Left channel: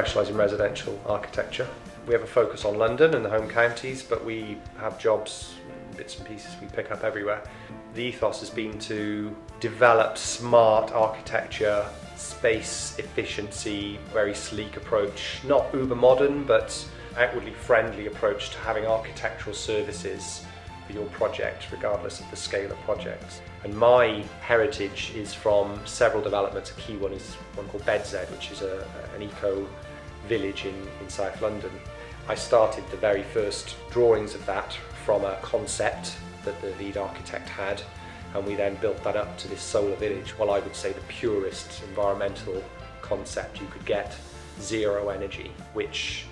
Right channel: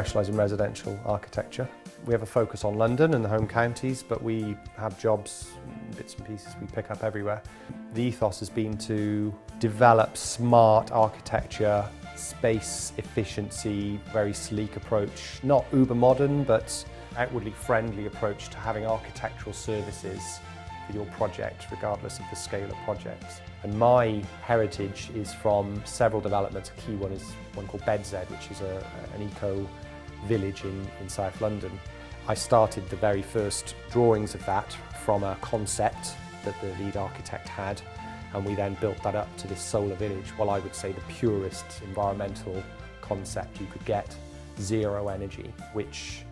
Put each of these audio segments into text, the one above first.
specialise in residential architecture. We have a focus on London and the home counties, but we have jobs, bits and pieces we pick up everywhere. The ethos has been to develop smart architecture, space efficiency, very sleek approach, not uber modern, but outwardly friendly approach to having architectural services for your project, regardless of the scale of projects. And my heritage is from several developments. A key one is one called Bedzed, which is an eco village in South London. I started the very first drawings of that from a concept that the lead architect had, and we then built that up to this solar village. Well, I would say the purest environmental concept you could get, zero energy, which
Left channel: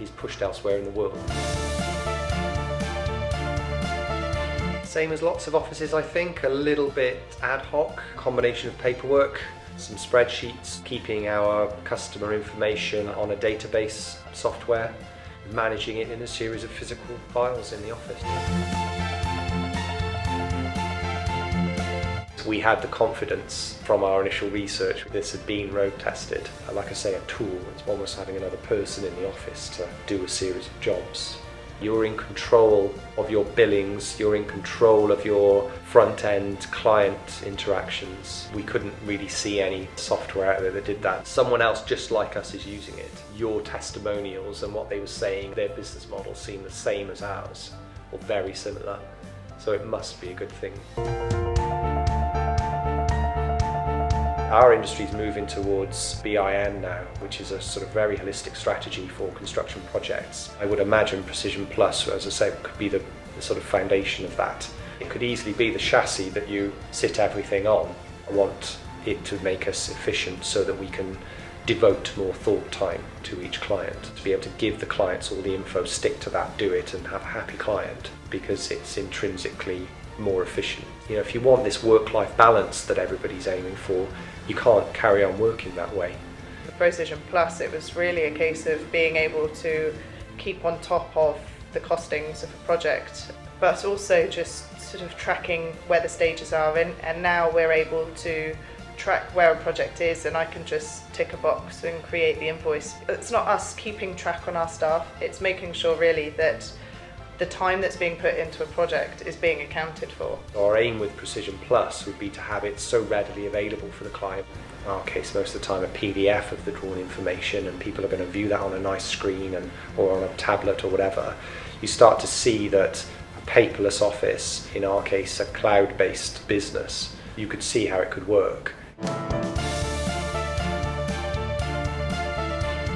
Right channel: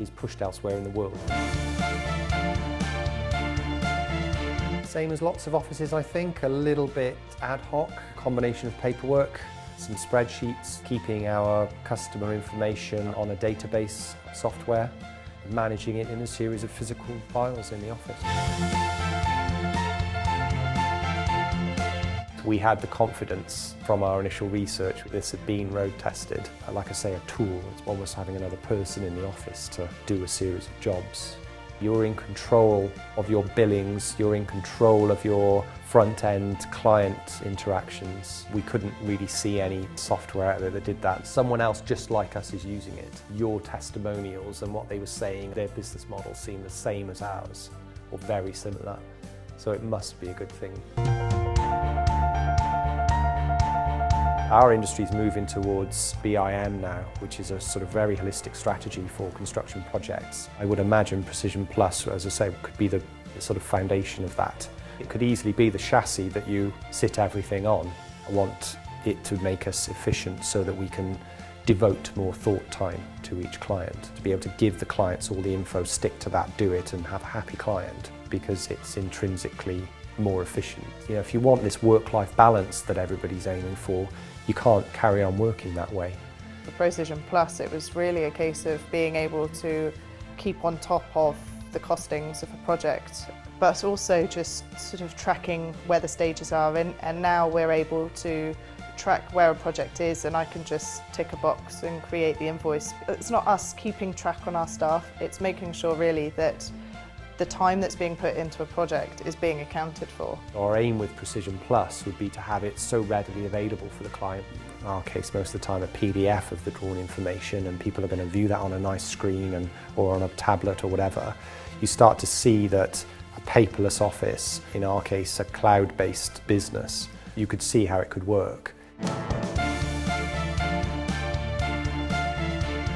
is pushed elsewhere in the world. Same as lots of offices, I think, a little bit ad hoc, combination of paperwork, some spreadsheets, keeping our customer information on a database software, managing it in a series of physical files in the office. We had the confidence from our initial research that this had been road tested. Like I say, a tool. It's almost having another person in the office to do a series of jobs. You're in control of your billings, you're in control of your front-end client interactions. We couldn't really see any software out there that did that. Someone else just like us is using it. Your testimonials and what they were saying, their business model seemed the same as ours, or very similar. So it must be a good thing. Our industry is moving towards BIM now, which is a sort of very holistic strategy for construction projects. I would imagine Precision Plus, as I say, could be the sort of foundation of that. It could easily be the chassis that you sit everything on. I want it to make us efficient so that we can devote more thought time to each client, to be able to give the clients all the info, stick to that, do it, and have a happy client, because it's intrinsically more efficient. You know, if you want this work-life balance that everybody's aiming for, you can't carry on working that way. The Precision Plus, it was really a case of being able to keep on top of the costings of a project, but also just sort of tracking where the stages are in, and now we're able to track where a project is, and I can just tick a box and create the invoice. It's not us keeping track on our staff, it's making sure really that the time that's being put into a project is being accounted for. Our aim with Precision Plus would be to have it so readily available for the client. In our case, most of the time a PDF of the drawn information, and people are going to view that on a nice screen or on a tablet or whatever. You start to see that a paperless office, in our case a cloud-based business, you could see how it could work.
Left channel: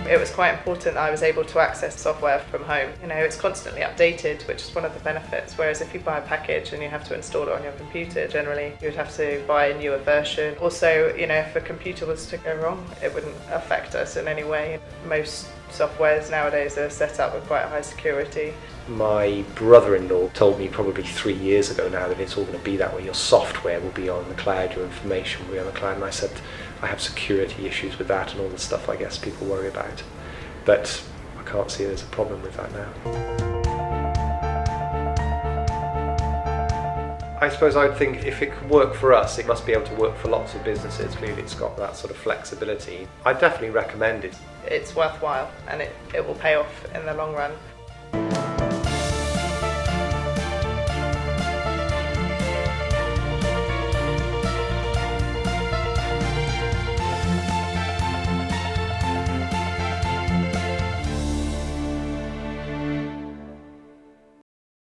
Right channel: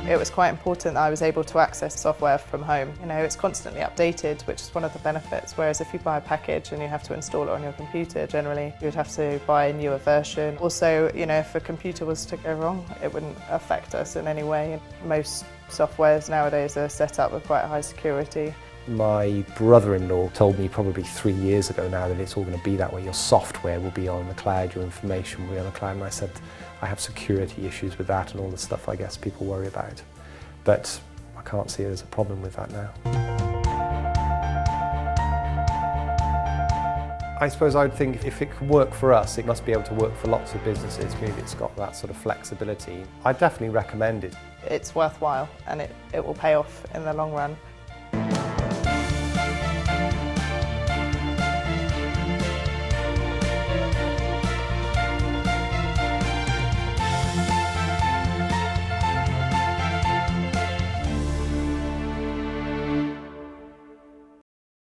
It was quite important that I was able to access software from home. You know, it's constantly updated, which is one of the benefits, whereas if you buy a package and you have to install it on your computer, generally you would have to buy a newer version. Also, you know, if a computer was to go wrong, it wouldn't affect us in any way. Most softwares nowadays are set up with quite high security. My brother-in-law told me probably 3 years ago now that it's all going to be that way. Your software will be on the cloud, your information will be on the cloud, and I said I have security issues with that and all the stuff I guess people worry about. But I can't see there's a problem with that now. I suppose I would think if it could work for us, it must be able to work for lots of businesses. Maybe it's got that sort of flexibility. I definitely recommend it. It's worthwhile, and it will pay off in the long run.